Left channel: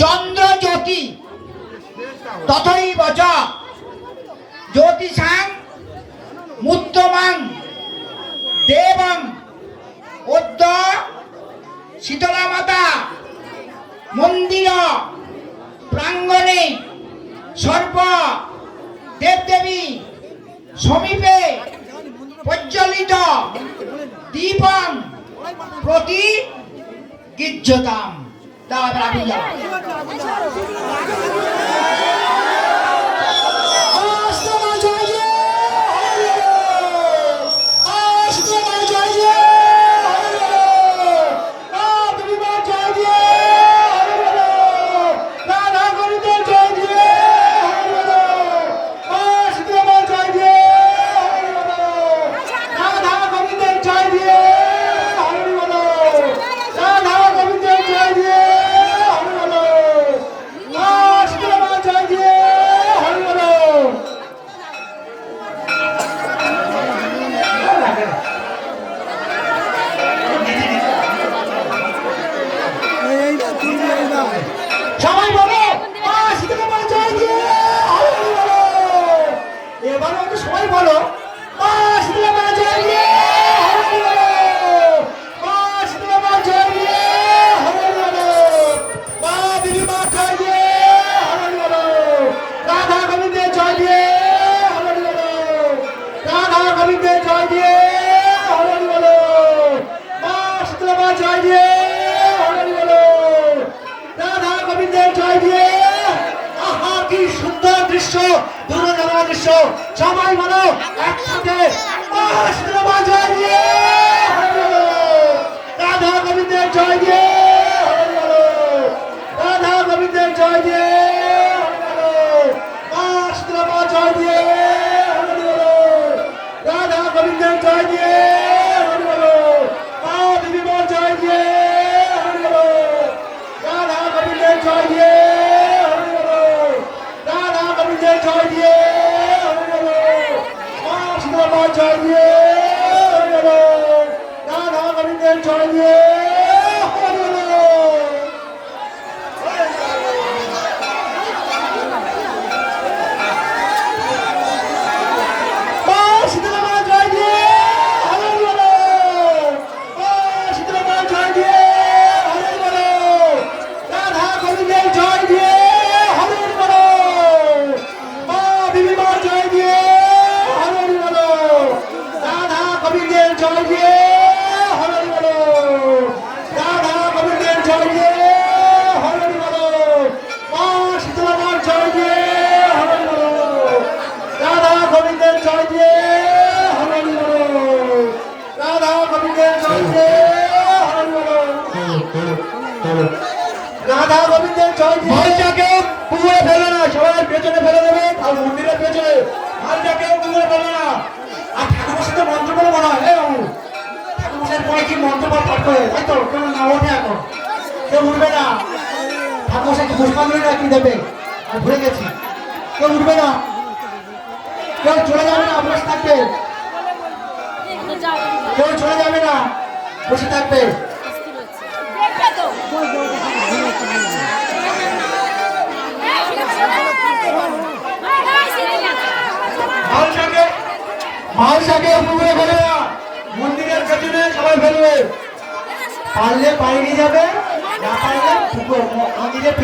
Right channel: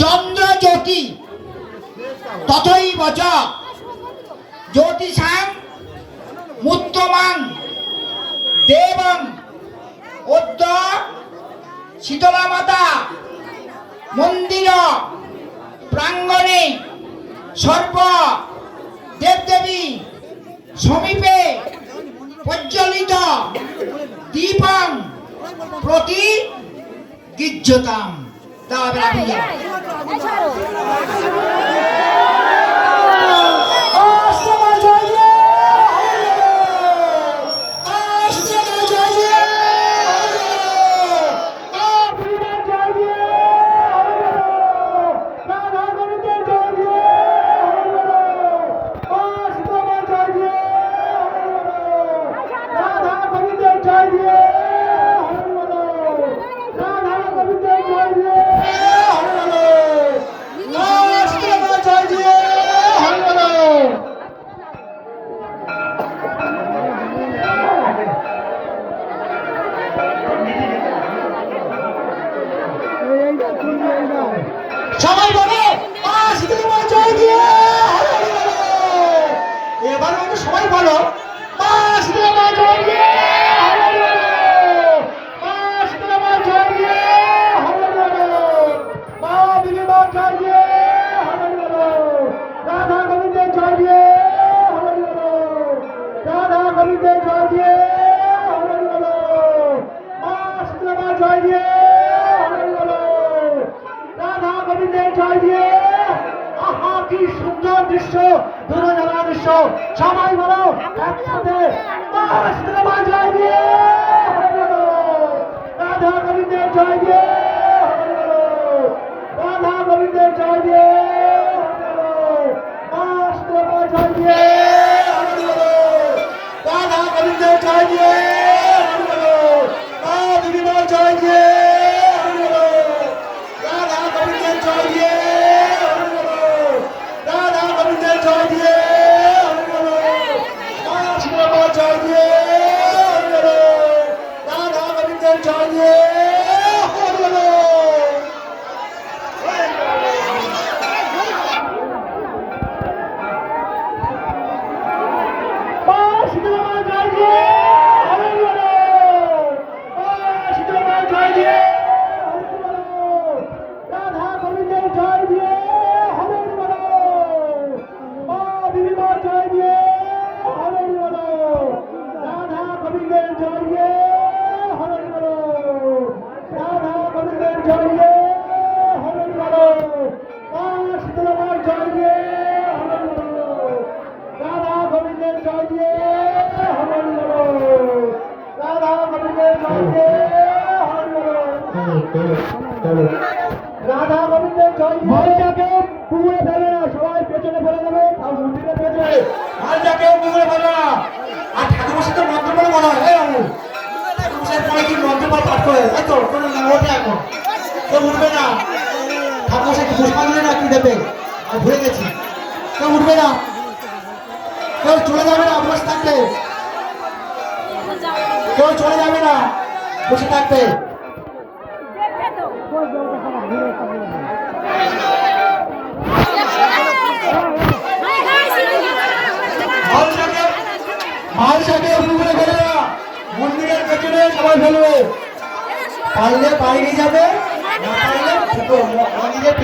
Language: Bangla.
চন্দ্র জ্যোতি তথৈব চ জ্যোতিষাং মুত্তমাং দেবং অদ্য শীতলা মাতা মন্দির প্রাঙ্গণে সর্ব দেবদেবী সমীপে প্রজ্বলিত দীপং প্রতি গিজ্জতাম। তারপরে আপনি যাবেন। সবাই বলো মা শীতলা মা জয় দিয়ে। এবারে একটু সবাই বলো মা শীতলা মা জয় দিয়ে। মা শীতলা মা জয় দিয়ে। মা দেবী মা জয় দিয়ে। রাধা গোবিন্দের জয় দিয়ে। রাধা গোবিন্দের জয় দিয়ে। মা শীতলা মা জয় দিয়ে। জয় দিয়ে। আহা কি সুন্দর দৃশ্য, দুর্দান্ত দৃশ্য। সবাই বলো একসাথে মা শীতলা মা জয় দিয়ে। রাধা গোবিন্দের জয় দিয়ে। রাধা গোবিন্দের জয় দিয়ে। মা শীতলা মা জয় দিয়ে। রাধা গোবিন্দের জয় দিয়ে। মা দেবী মা জয় দিয়ে। রাধা গোবিন্দের জয় দিয়ে। রাধা গোবিন্দের জয় দিয়ে। মা শীতলা মা জয় দিয়ে। রাধা গোবিন্দের জয় দিয়ে। মা শীতলা মা জয় দিয়ে। মা শীতলা মা জয় দিয়ে। জয় দিয়ে। হরে বলো মা দেবী মা জয় দিয়ে। হরে বলো রাধা গোবিন্দের জয় দিয়ে। হরে বলো রাধা গোবিন্দের জয় দিয়ে। হরে বলো মা শীতলা মার জয় দিয়ে। হরে বলো রাধা গোবিন্দের জয় দিয়ে। হরে বলো রাধা গোবিন্দের জয় দিয়ে। হরে বলো রাধা গোবিন্দের জয় দিয়ে। মালটাকে পুকুরে ফেলে না, সবাই পেছনে ফেলে দেবে। আর মন্দিরের পেছনে মালটাকে পুকুরে ফেলে না। আর ঠাকুরের সাথে মন্ত্র পড়ে মনে হয় ঠাকুরের পরে কি মন্ত্র পাঠ করে, তাই তো? কোনো না ওঠে এখন, কেউ উঠবে না। ঠাকুরের সাথে পুষ্পাঞ্জলি না কি দেবে, আর ভুলে গেছি। কেউ উঠবে না, কেউ চলে যাবে না, বসে থাকবে। কেউ চলে যাবে না, বসে থাকবে। মালসাকে পুকুরে ফেলে না, মন্দিরের পেছনে সবাই ফেলবে। পারলে বাইরে যাবে, না পারলে মন্দিরের